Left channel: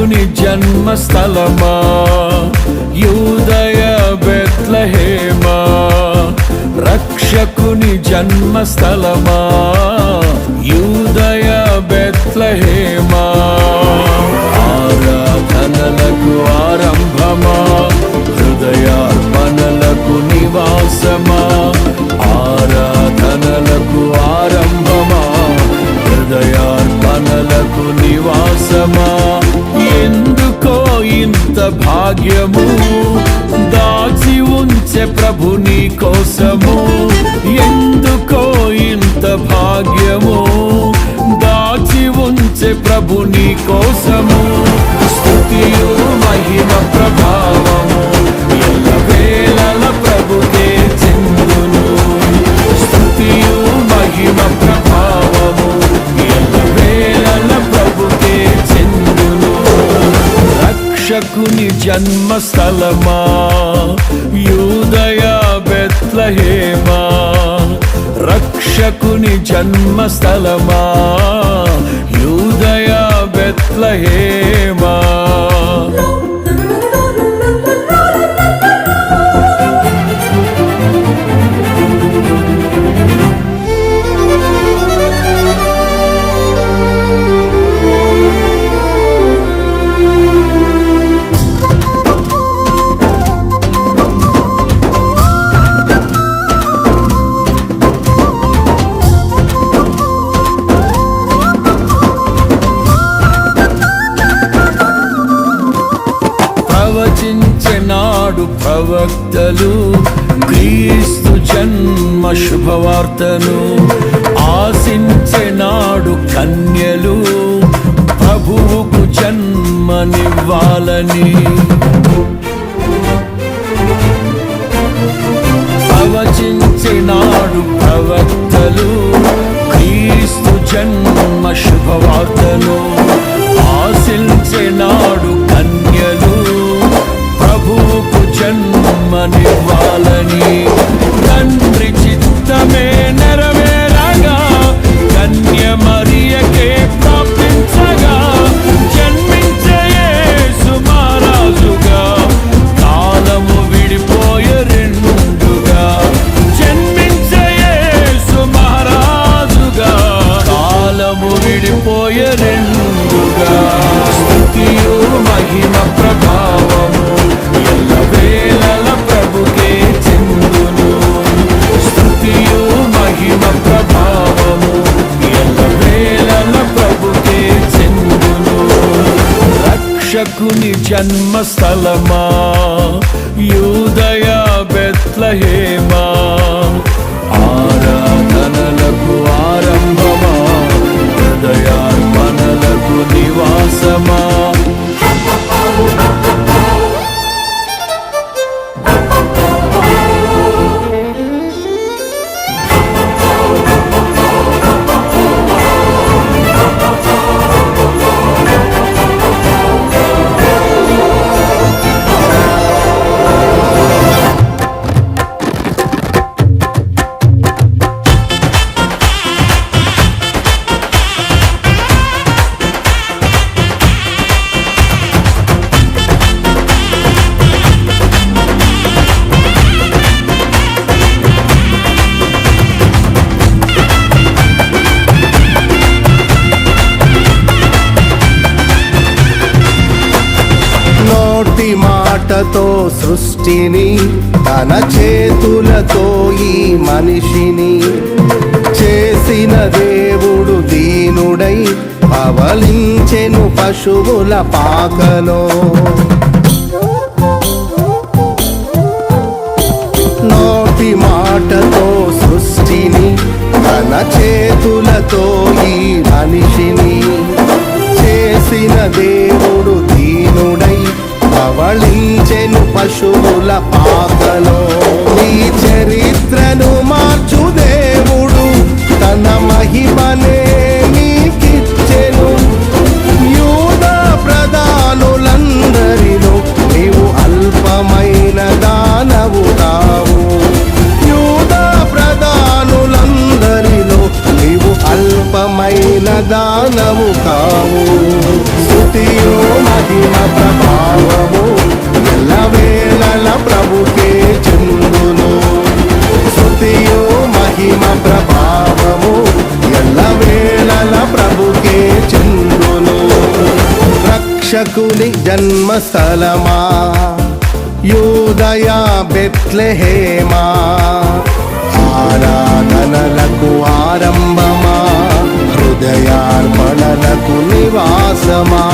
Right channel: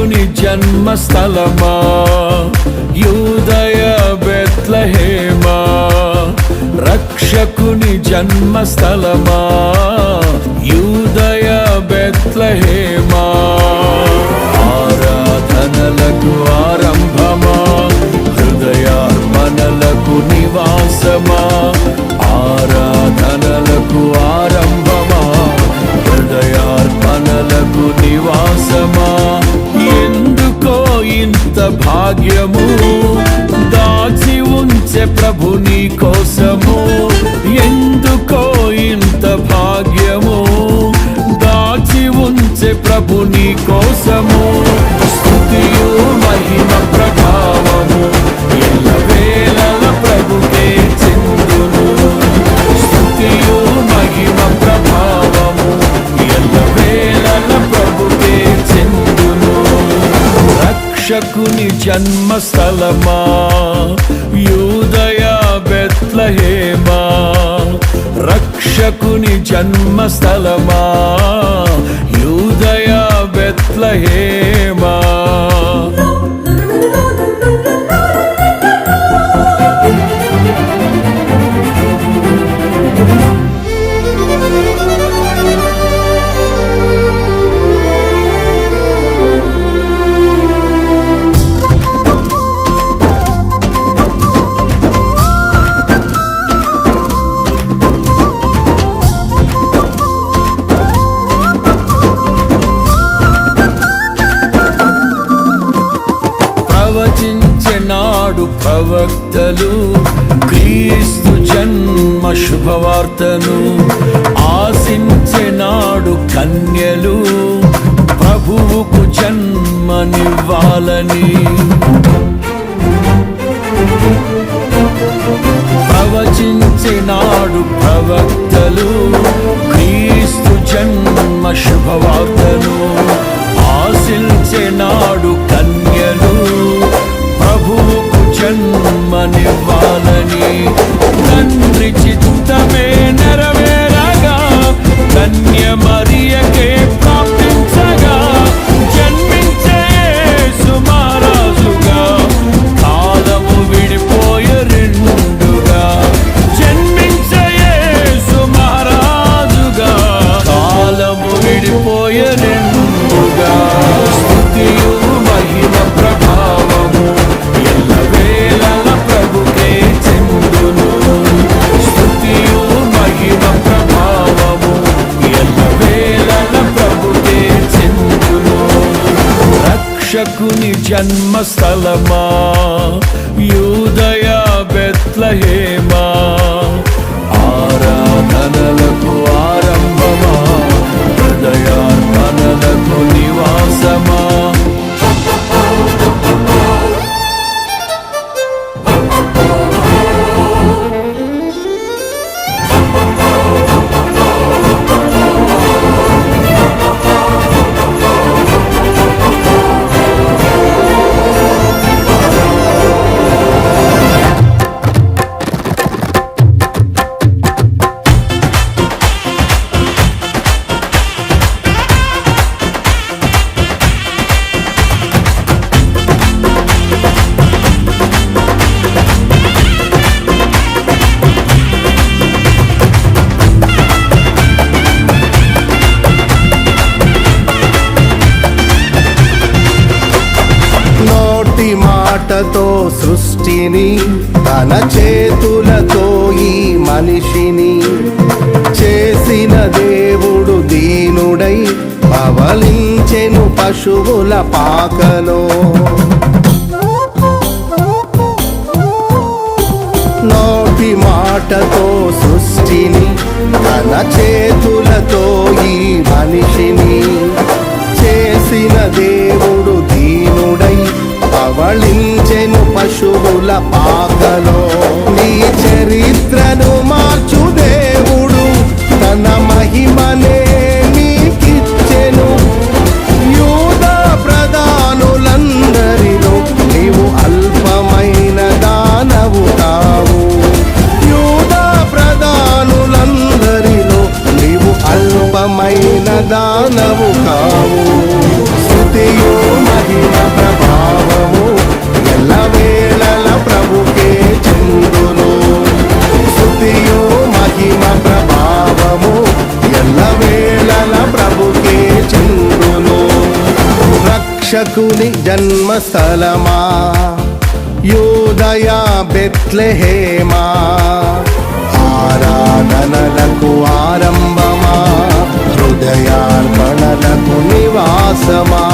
రక్షకుని జన్మస్థలమా యూదయ బెత్లెహేమా, రక్షకుని జన్మస్థలమా యూదయ బెత్లెహేమా. ఆరాధనలకు ఆరంభమా, హృదయార్పణలకు నివాసమా, ఆరాధనలకు ఆరంభమా, హృదయార్పణలకు నివాసమా. ఎందుకో ఇంత భాగ్యము దాచి ఉంచే ప్రభు నీ కోసము, ఎందుకో ఇంత భాగ్యము దాచి ఉంచే ప్రభు నీ కోసము. స్తుతియు మహిమ ప్రభావము ఎల్లవేళల ప్రభుకే చెందును, స్తుతియు మహిమ ప్రభావము ఎల్లవేళల ప్రభుకే చెందును. రక్షకుని జన్మస్థలమా యూదయ బెత్లెహేమా, రక్షకుని జన్మస్థలమా యూదయ బెత్లెహేమా. ప్రవచించెనాడు ప్రవక్తలు క్రీస్తు జన్మ శుభవార్తను, ఆశించెనాడు కన్యలు ప్రభువుకు జన్మనివ్వాలని. ప్రవచించెనాడు ప్రవక్తలు క్రీస్తు జన్మ శుభవార్తను, ఆశించెనాడు కన్యలు ప్రభువుకు జన్మనివ్వాలని. తండ్రి చిత్తమే నెరవేరగా కన్య మరియకే ప్రాప్తించగా, జన్మించే యేసు మహారాజుగా కాలము విడిపోయే రెండుగా, జన్మించే యేసు మహారాజుగా కాలము విడిపోయే రెండుగా. స్తుతియు మహిమ ప్రభావము ఎల్లవేళల ప్రభుకే చెందును, స్తుతియు మహిమ ప్రభావము ఎల్లవేళల ప్రభుకే చెందును. రక్షకుని జన్మస్థలమా యూదయ బెత్లెహేమా, ఆరాధనలకు ఆరంభమా, హృదయార్పణలకు నివాసమా. నోటి మాటతో సృష్టిని, తన చేతులతో ఈ మనిషిని చేసిన దేవుడు దీనుడై పవలించెను పశువుల పాకలో. నోటి మాటతో సృష్టిని, తన చేతులతో ఈ మనిషిని చేసిన దేవుడు దీనుడై పవళించెను పశువుల పాకలో. నీ చరిత్రను మార్చు దేవుడు తన మహిమనే నీకిచ్చెను. యూదా ప్రధానులందరిలో నీవు అల్పమైన దానవు కావు, యూదా ప్రధానులందరిలో నీవు నీవు అల్పమైన దానవు కావు. స్తుతియు మహిమ ప్రభావము ఎల్లవేళల ప్రభుకే చెందును. స్తుతియు మహిమ ప్రభావము ఎల్లవేళల ప్రభుకే చెందును. రక్షకుని జన్మస్థలమా యూదయ బెత్లెహేమా, ఆరాధనలకు ఆరంభమా, హృదయార్పణలకు నివాసమా.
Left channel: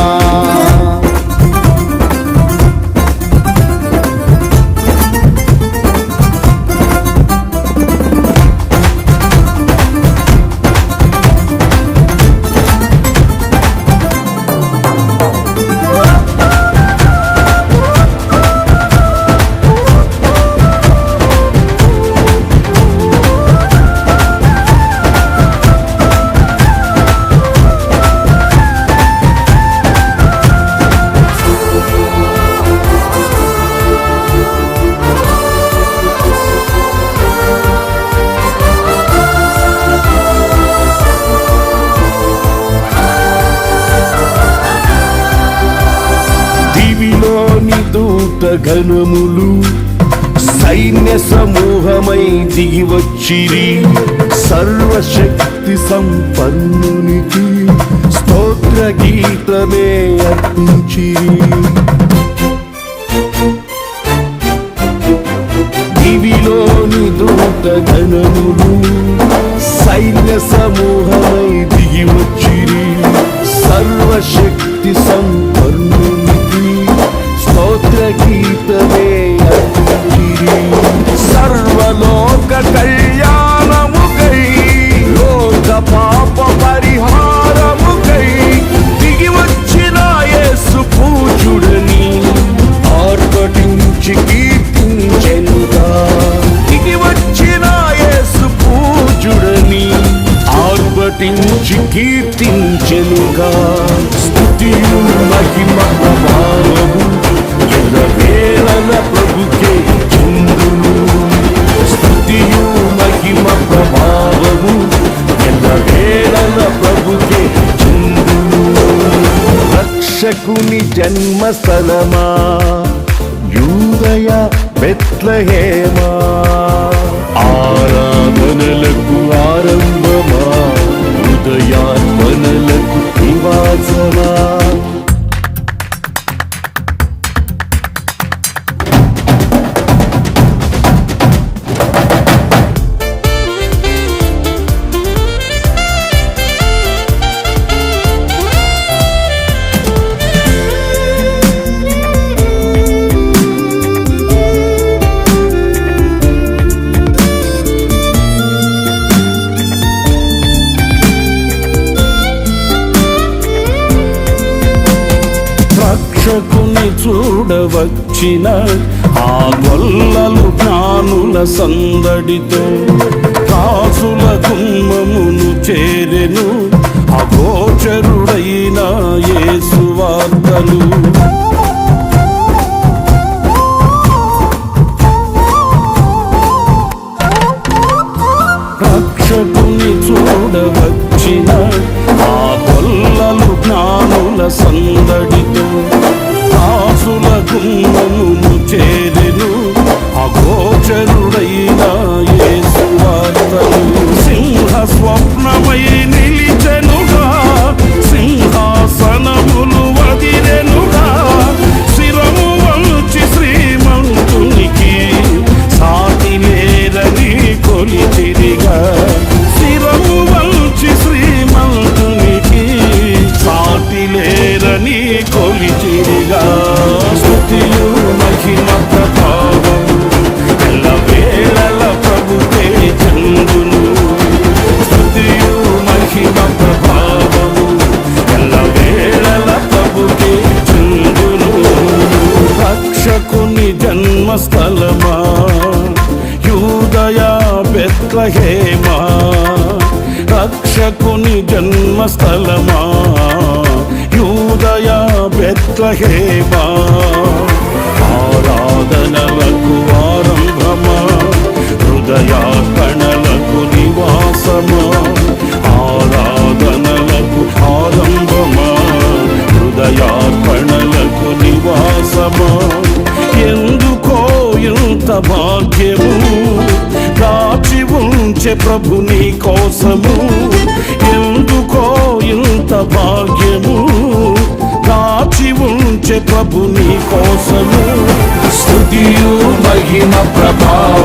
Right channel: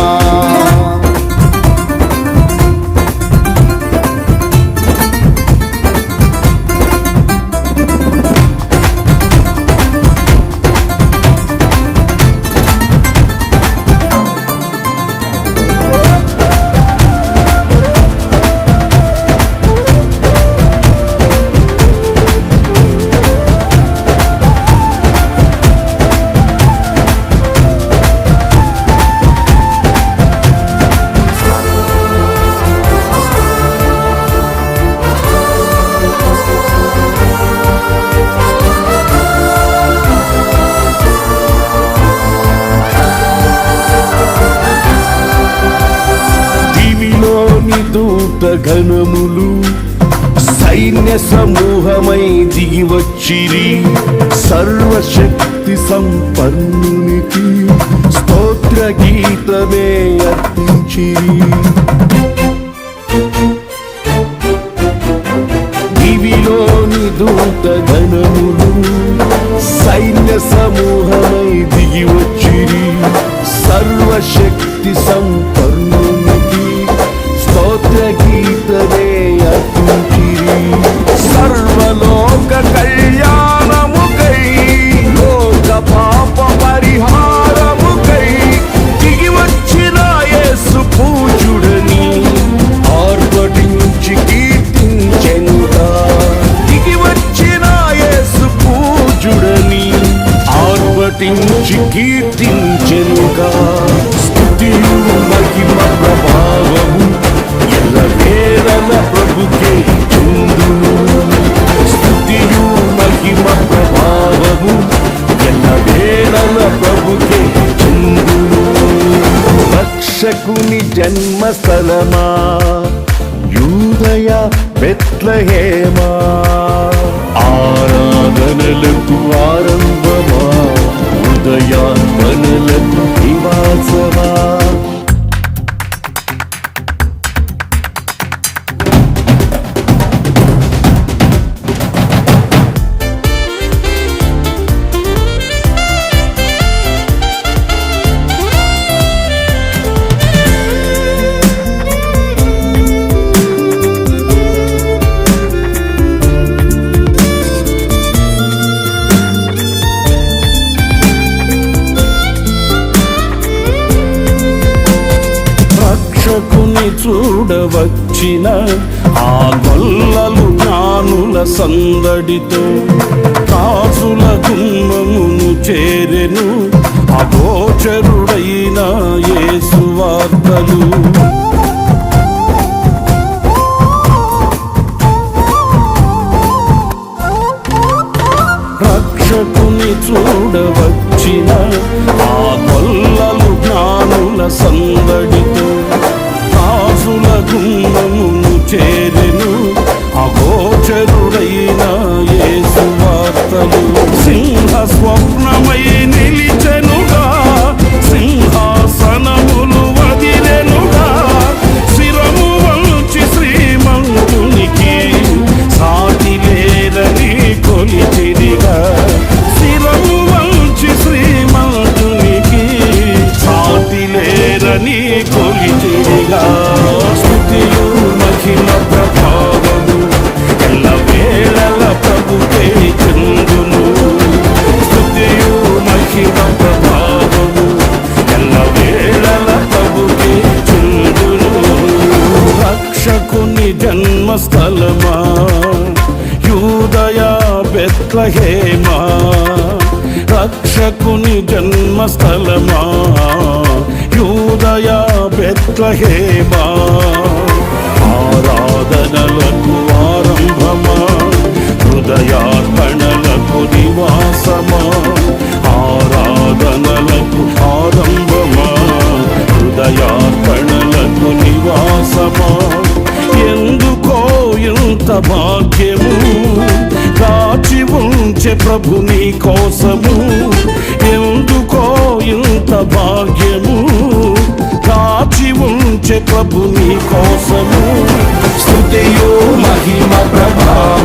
దివిలోని దూత గణములు సైన్య సమూహమై దిగి వచ్చిరి. సర్వశక్తి సంపన్నునికి స్తోత్ర గీతమే అర్పించిరి. దివిలోని దూత గణములు సైన్య సమూహమై దిగి వచ్చిరి. సర్వశక్తి సంపన్నునికి స్తోత్ర గీతమే అర్పించిరి. సర్వలోక కళ్యాణముకై లోక పాప పరిహారముకై దిగి వచ్చిన యేసు పూజుడని ఆర్భటించి కీర్తించెనుగా. దిగి వచ్చిన యేసు పూజుడని ఆర్భటించి కీర్తించెనుగా. స్తుతియు మహిమ ప్రభావము ఎల్లవేళల ప్రభుకే చెందును. స్తుతియు మహిమ ప్రభావము ఎల్లవేళల ప్రభుకే చెందును. రక్షకుని జన్మస్థలమా యూదయ బెత్లెహేమా, ఆరాధనలకు ఆరంభమా, హృదయార్పణలకు నివాసమా. రక్షకుని చూడవచ్చిన ఆ గొల్లలు జ్ఞానుల సందడితో రాజుల గుమ్మమును చేరెను. అగోచరుడైన యేసు వార్తలు రక్షకుని చూడవచ్చిన ఆ గొల్లలు జ్ఞానుల సందడితో రాజుల గుమ్మమును చేరెను. అగోచరుడైన యేసు వార్తలు సింహ స్వప్నమై నిలిచెనుగా. సింహాసనములు వదిలెనుగా. శిరము వంచి శ్రీమంతునికి సాటి లేరని కొలిచిరిగా. శిరము వంచి శ్రీమంతునికి సాటి లేరని కొలిచిరిగా. స్తుతియు మహిమ ప్రభావము ఎల్లవేళల ప్రభుకే చెందును. స్తుతియు మహిమ ప్రభావము ఎల్లవేళల ప్రభుకే చెందును. రక్షకుని జన్మస్థలమా యూదయ బెత్లెహేమా, రక్షకుని జన్మస్థలమా యూదయ బెత్లెహేమా, ఆరాధనలకు ఆరంభమా, హృదయార్పణలకు నివాసమా, ఆరాధనలకు ఆరంభమా, హృదయార్పణలకు నివాసమా. ఎందుకో ఇంత భాగ్యము దాచి ఉంచే ప్రభు నీ కోసము. ఎందుకో ఇంత భాగ్యము దాచి ఉంచే ప్రభు నీ కోసము. స్తుతియు మహిమ ప్రభావ